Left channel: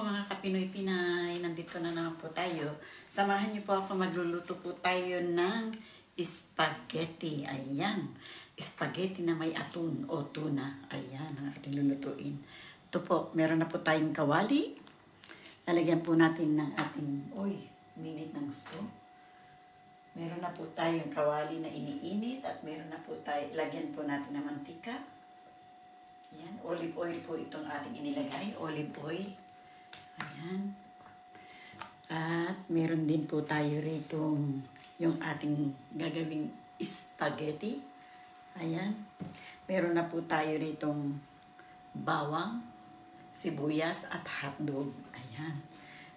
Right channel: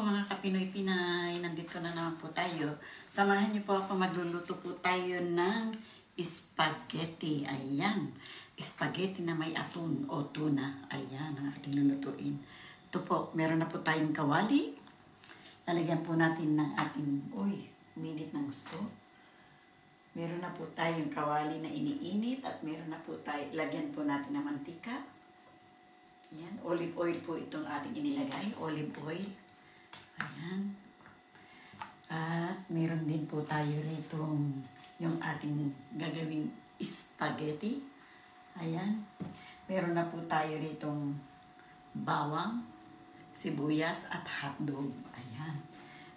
po mga kapinoy-pinay, nandito na naman po tayo. Samahan niyo po ako, magluluto po tayo ng spaghetti. Ayan, spaghetti na may atun o tuna. Ayan, ang ating lulutuin. Ito po, meron na po tayong kawali. Lalagyan po natin ng ating, uminit ng gusto. Meron na po tayong kawali na iniinit at meron na po tayo, lagyan po natin ng mantika. Ayan, olive oil po itong ating inilagay, olive oil. Ayan. At meron din po tayo rito yung ating gagawing spaghetti. Ayan. Meron na po tayo rito bawang, sibuyas at hotdog. Ayan.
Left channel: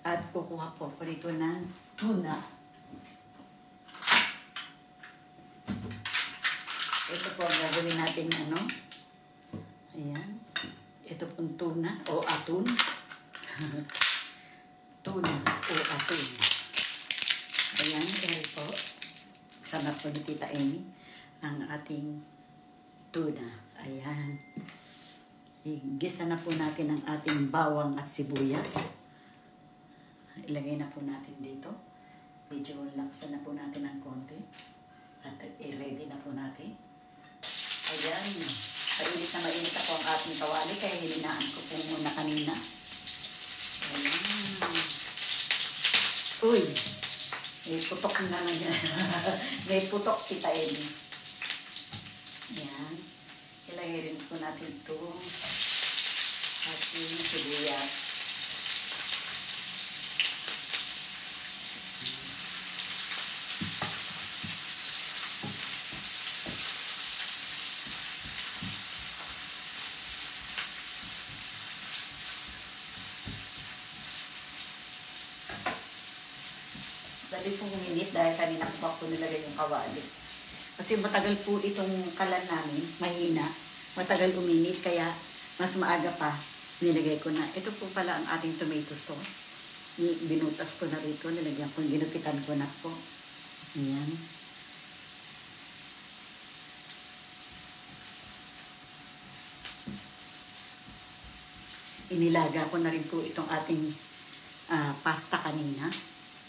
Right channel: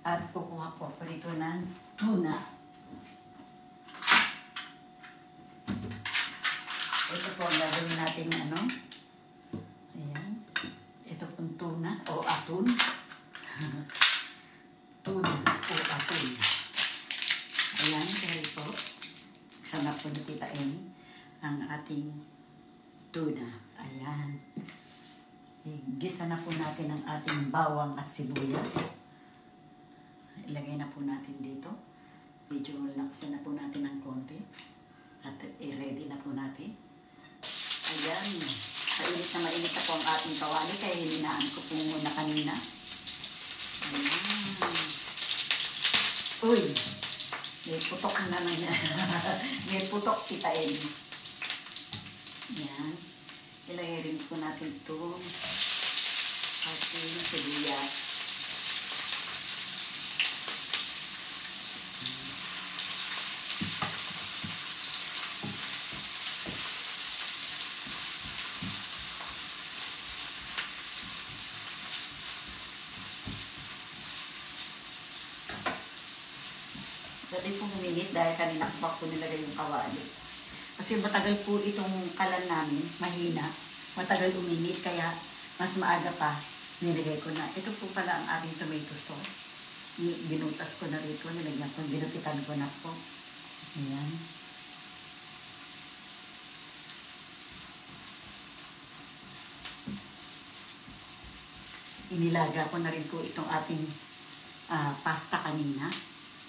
At kukuha po ako rito ng tuna. Ito po ang gagawin natin Ayan. Ito pong tuna o atun. Tuna o atun. Ayan, dahil po, sama po ni Tita Amy ang ating tuna. Ayan. Igisa na po natin ang ating bawang at sibuyas. Ilagay na po natin dito. Medyo laksan na po natin ng konti. At i-ready na po natin. Ayan. Mainit na mainit ako ang ating kawali, kaya hilinaan ko po muna kanina. Ayan. Uy! May putok na naman yan. May putok, Tita Amy. Ayan. Ilagay rin po natin ito. Ating sibuyas. Dali pong uminit dahil kanina ko nilagay yung kawali. Kasi matagal po itong kalan namin, mahina. Matagal uminit, kaya mas maaga pa nilagay ko na. Ito po pala ang ating tomato sauce. Binutas ko na rito, nilagyan ko, ginupitan ko na po. Ayan. Inilaga ko na rin po itong ating pasta kanina.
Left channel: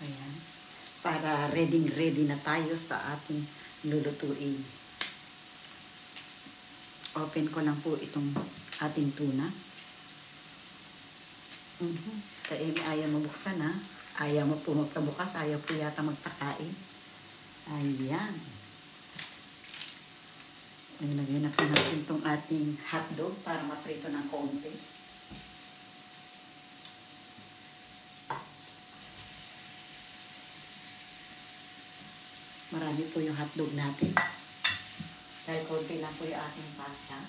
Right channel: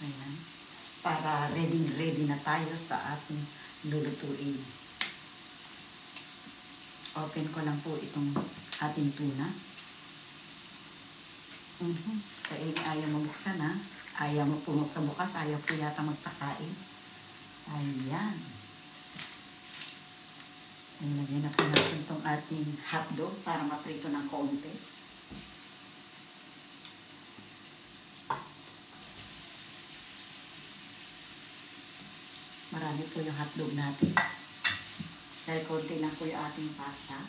Ayan. Para ready na tayo sa ating lulutuin. Open ko lang po itong ating tuna. Kaya ayaw mo buksan ha. Ayaw mo po magtabukas. Ayaw po yata magtakain. Ayan. Nilagay na po natin itong ating hotdog para maprito ng konti. Marami po yung hotdog natin. Dahil konti lang po yung ating pasta.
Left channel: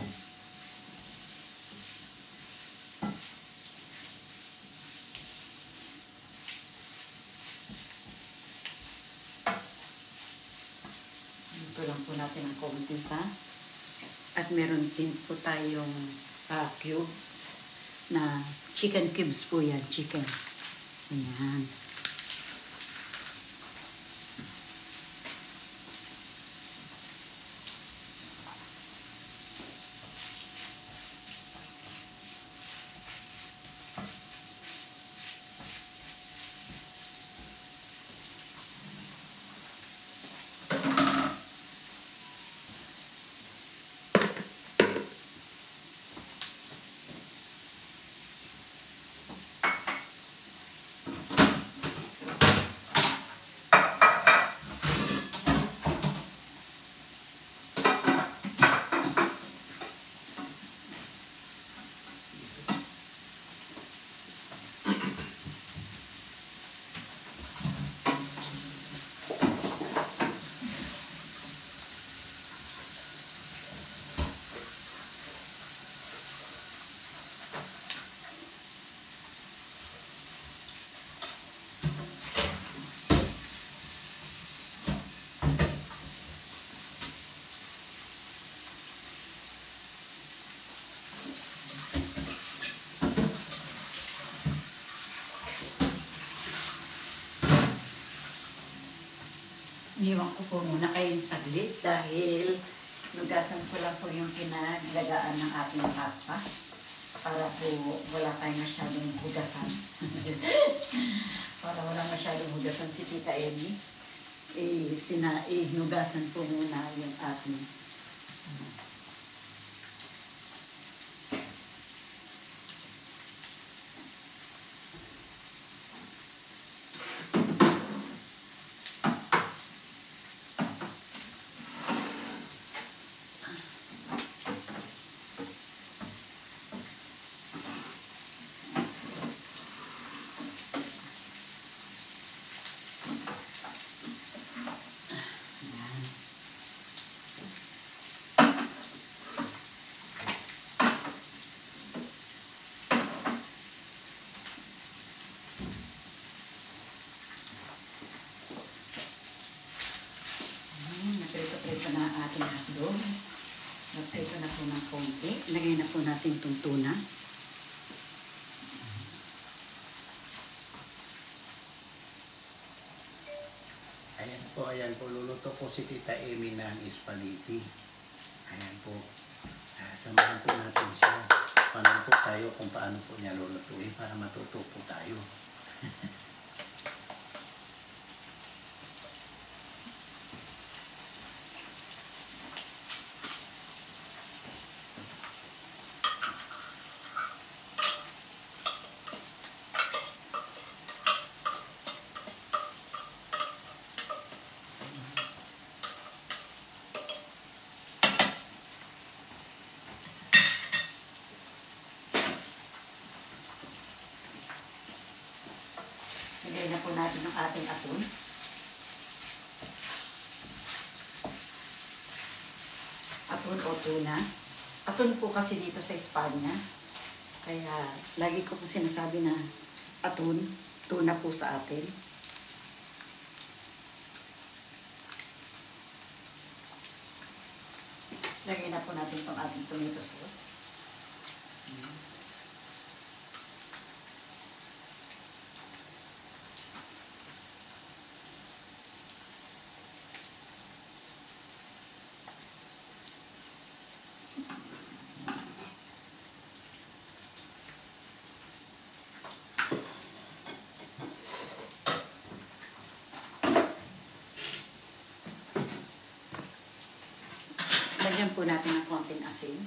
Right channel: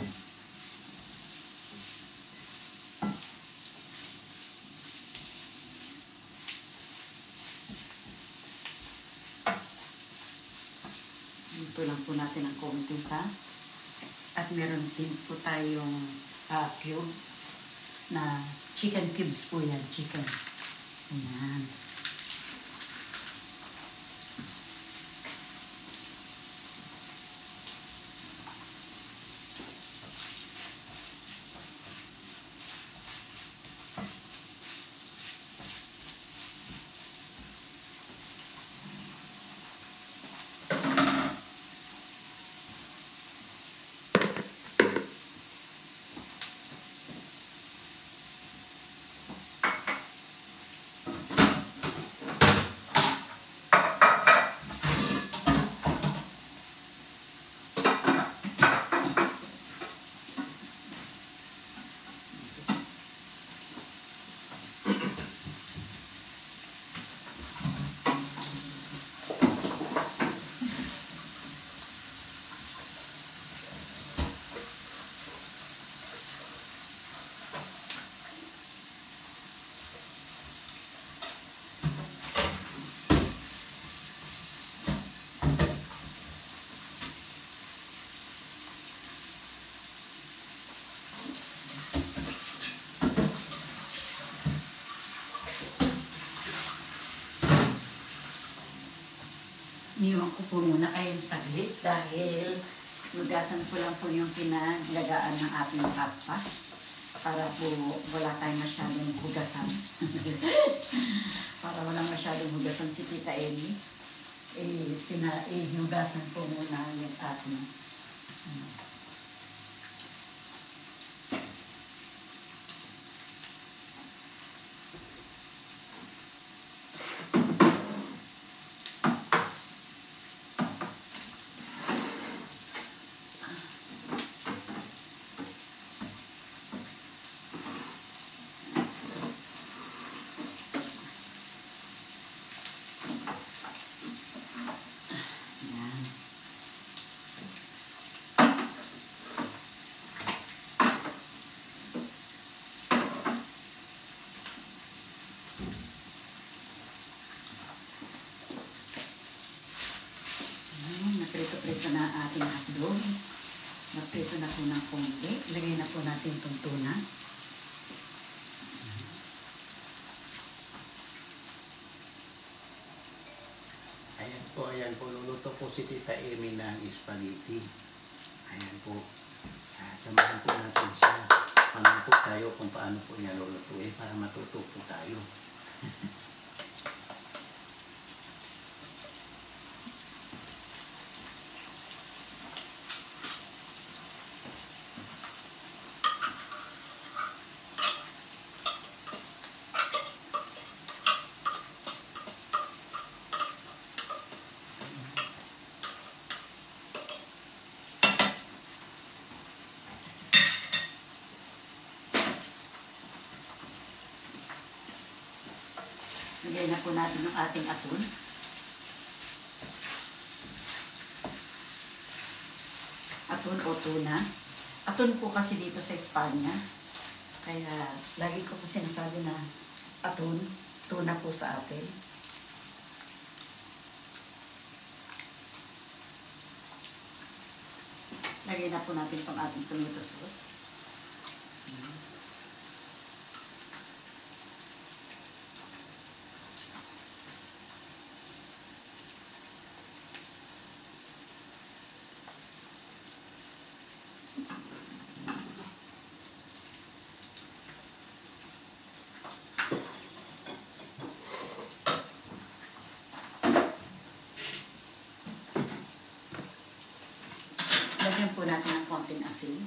Ito lang po natin ang konti pa. At meron din po tayong cubes na chicken cubes po yan. Chicken. Ayan. Iniwan ko po muna kayong saglit dahil lugasan ko lang po yung pinaglagaan ng ating pasta para po wala tayong masyadong hugasan. Para walang masyadong hugasan si Tita Ellie. Hinugasan ko muna yung ating naprito na ang ating hotdog. Naprito na po ng konti. Ilagay na po natin itong tuna. Ayan po, luluto po si Tita Amy ng spaghetti. Ayan po. Samahan po natin siya. Paano po tayo kung paano po niya lulutuin para matuto po tayo. Lagay na po natin yung ating aton. Aton o tuna. Aton po kasi dito sa Espanya. Kaya lagi ko po sinasabi na aton, tuna po sa atin. Lagay na po natin itong ating tomato sauce. Lagyan po natin ng konting asin.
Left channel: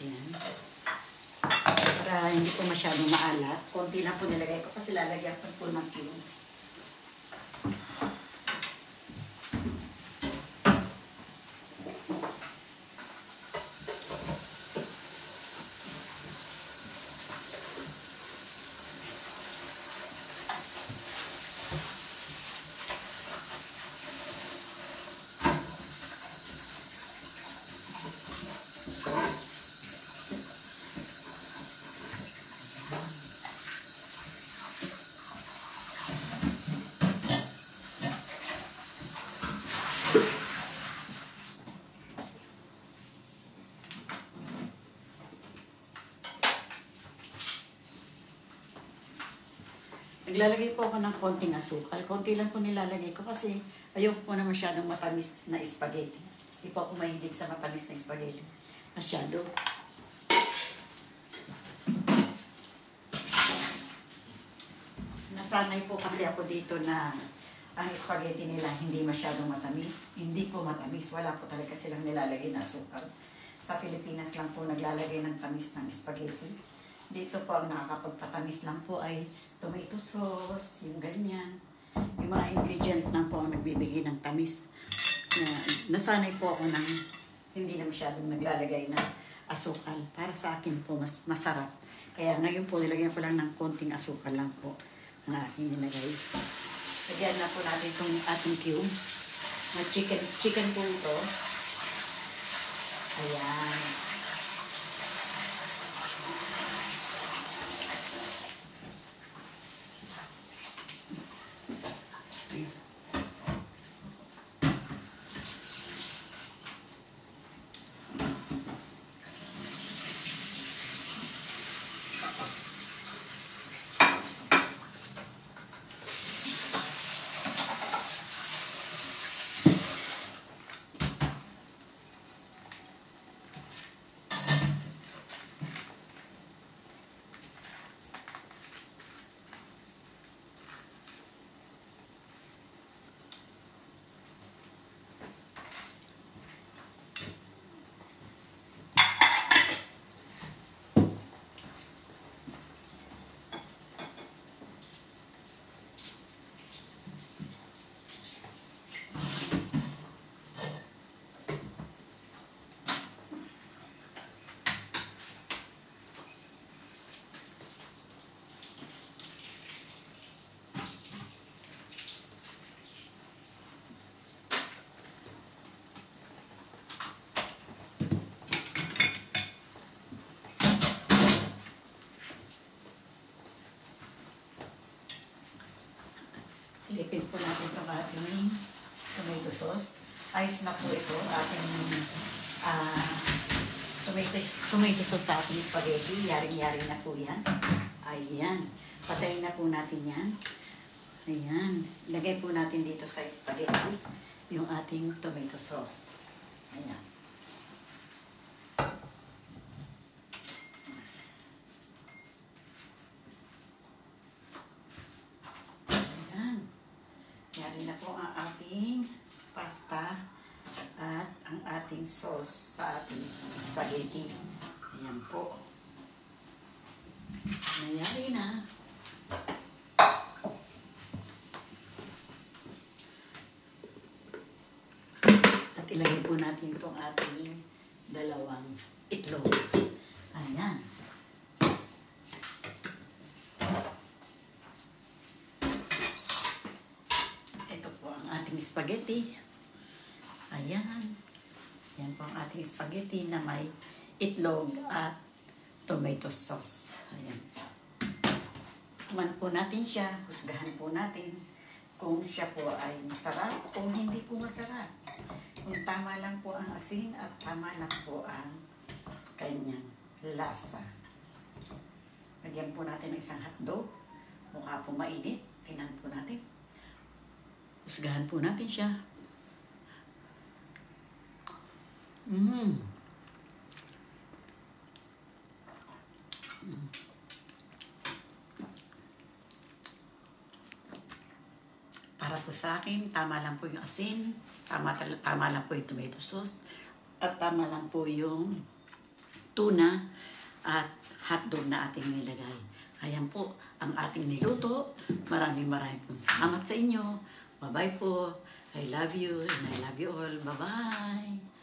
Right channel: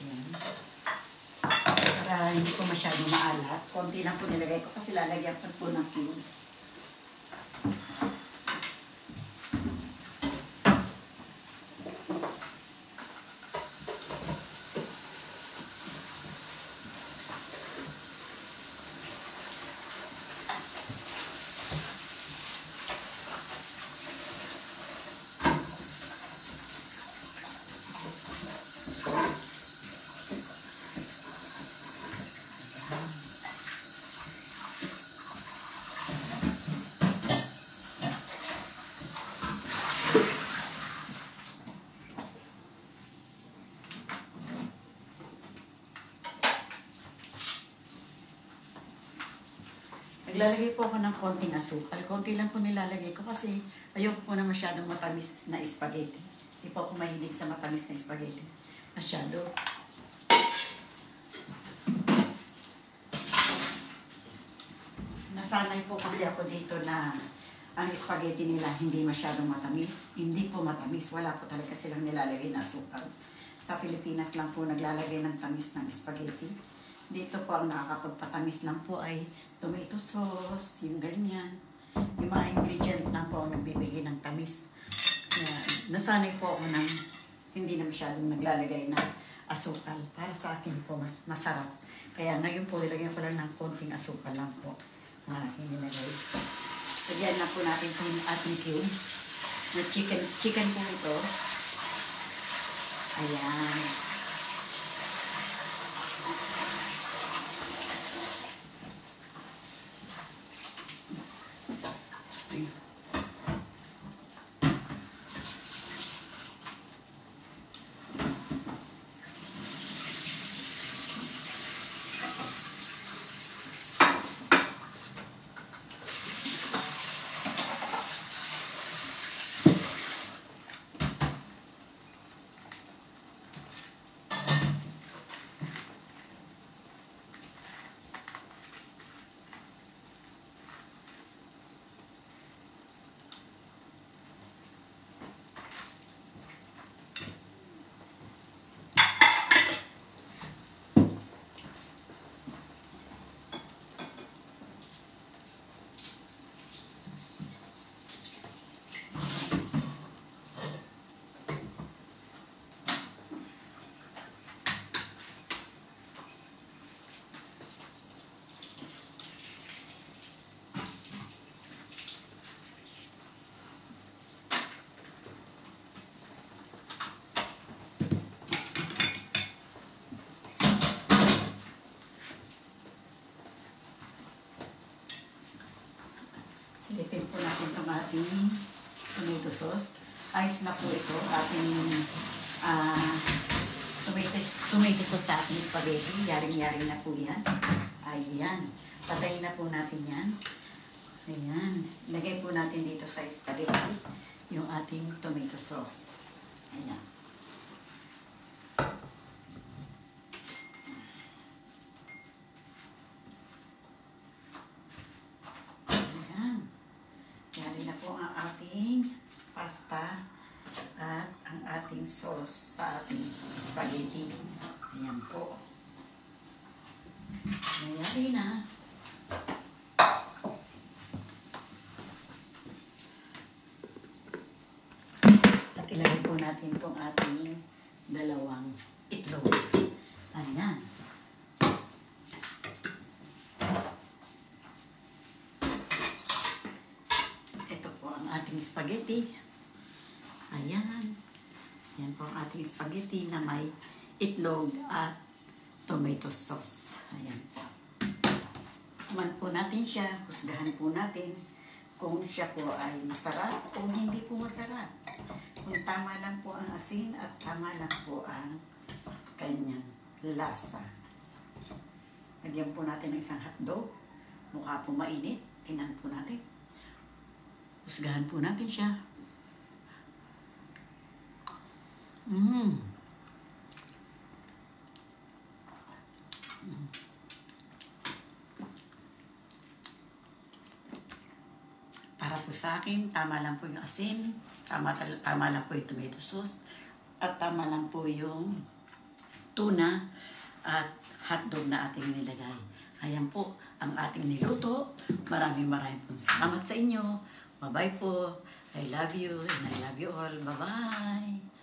Ayan. Para hindi po masyadong maalat. Konti lang po nilagay ko kasi lalagyan ko po ng cubes. Naglalagay po ako ng konting asukal. Konti lang po nilalagay ko kasi ayoko po na masyadong matamis na spaghetti. Hindi po ako mahilig sa matamis na spaghetti. Masyado. Nasanay po kasi ako dito na ang spaghetti nila hindi masyadong matamis. Hindi po matamis. Wala po talaga silang nilalagay na asukal. Sa Pilipinas lang po naglalagay ng tamis ng spaghetti. Dito po ang nakakapagpatamis lang po ay tomato sauce, yung ganyan. Yung mga ingredient lang po ang nagbibigay ng tamis. Nasanay po ako ng hindi na masyadong naglalagay ng asukal. Para sa akin po, mas masarap. Kaya ngayon po, nilagyan ko lang ng konting asukal lang po na aking nilagay. Lagyan na po natin itong ating cubes. Chicken po ito. Ayan. po natin itong ating tomato sauce. Ayos na po ito. Ating tomato sauce sa ating spaghetti. Yaring-yari na po yan. Ayan. Patayin na po natin yan. Ayan. Lagay po natin dito sa spaghetti yung ating tomato sauce. Ayan. Pasta at ang ating sauce sa ating spaghetti. Ayan po. Nangyari na. At ilagay po natin itong ating dalawang itlog. Ayan. Ito po ang ating spaghetti. Ayan. Yan po ang ating spaghetti na may itlog at tomato sauce. Ayan po. Kuman po natin siya. Husgahan po natin kung siya po ay masarap o hindi po masarap. Kung tama lang po ang asin at tama lang po ang kanyang lasa. Lagyan po natin ng isang hotdog. Mukha po mainit. Tingnan po natin. Husgahan po natin siya. Para po sa akin, tama lang po yung asin, tama lang po yung tomato sauce, at tama lang po yung tuna at hotdog na ating nilagay. Ayan po ang ating niluto. Maraming po salamat sa inyo. Bye-bye po. I love you and I love you all. Bye-bye.